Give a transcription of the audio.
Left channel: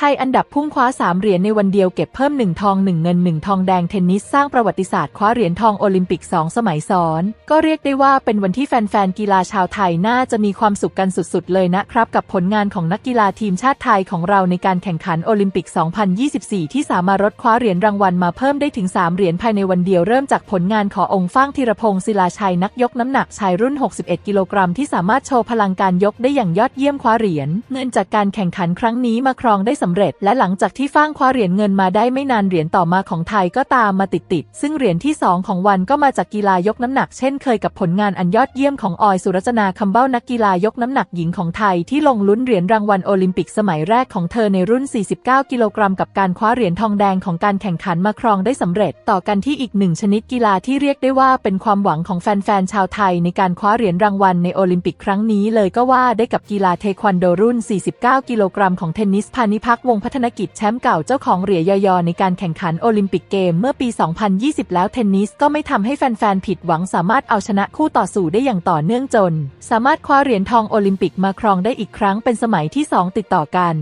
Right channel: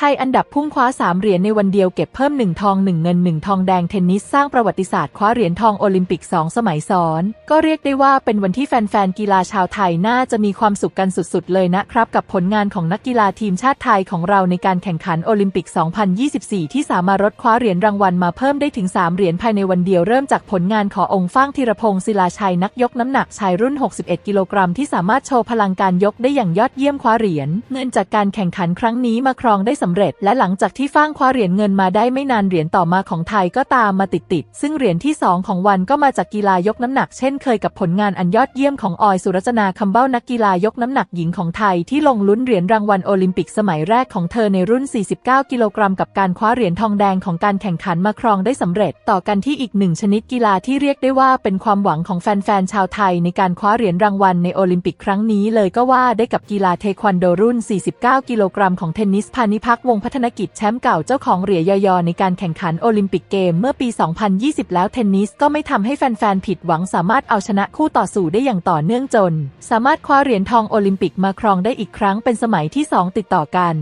ไทยอันดับพุ่งคว้า 3 เหรียญในวันเดียวเก็บเพิ่ม 1 ทอง 1 เงิน 1 ทองแดงเทนนิสสร้างประวัติศาสตร์คว้าเหรียญทองโอลิมปิก 2 สมัยซ้อน ก็เรียกได้ว่าเป็นวันที่แฟนๆกีฬาชาวไทยน่าจะมีความสุขกันสุดๆ เลยนะครับ กับผลงานของนักกีฬาทีมชาติไทยของเราในการแข่งขันโอลิมปิก 2024 ที่สามารถรดคว้าเหรียญรางวัลมาเพิ่มได้ถึง 3 เหรียญภายในวันเดียวเริ่มจากผลงานขององค์ฟ้างธีรพงศ์ศิลาชัยนักยกน้ำหนักชายรุ่น 61 กิโลกรัมที่สามารถโชว์พลังการยกได้อย่างยอดเยี่ยมคว้าเหรียญเงินจากการแข่งขันครั้งนี้มาครองได้สำเร็จ และหลังจากที่ฟ้างคว้าเหรียญเงินมาได้ไม่นานเหรียญต่อมาของไทยก็ตามมาติดๆ ซึ่งเหรียญที่ 2 ของวันก็มาจากกีฬายกน้ำหนักเช่นเคยกับผลงานอันยอดเยี่ยมของออยสุรจนาคำเบ้านักกีฬายกน้ำหนักหญิงของไทยที่ลงลุ้นเหรียญรางวัลโอลิมปิกสมัยแรกของเธอในรุ่น 49 กิโลกรัมกับการคว้าเหรียญทองแดงของการแข่งขันมาครองได้สำเร็จ ต่อกันที่อีกหนึ่งชนิดกีฬาที่เรียกได้ว่าเป็นความหวังของแฟนๆชาวไทยในการคว้าเหรียญรางวัลในโอลิมปิกครั้งนี้เลยก็ว่าได้กับกีฬาเทควันโดรุ่น 49 กิโลกรัมของเทนนิสพานิพักวงพัฒนกิจแชมป์เก่าเจ้าของเหรียญยอยอในการแข่งขันโอลิมปิกเกมเมื่อปี 2020 แล้วเทนนิสก็ไม่ทำให้แฟนๆ ผิดหวังสามารถเอาชนะคู่ต่อสู้ได้อย่างต่อเนื่องจน สามารถคว้าเหรียญทองโอลิมปิกมาครองได้อีกครั้งเป็นสมัยที่สองติดต่อกัน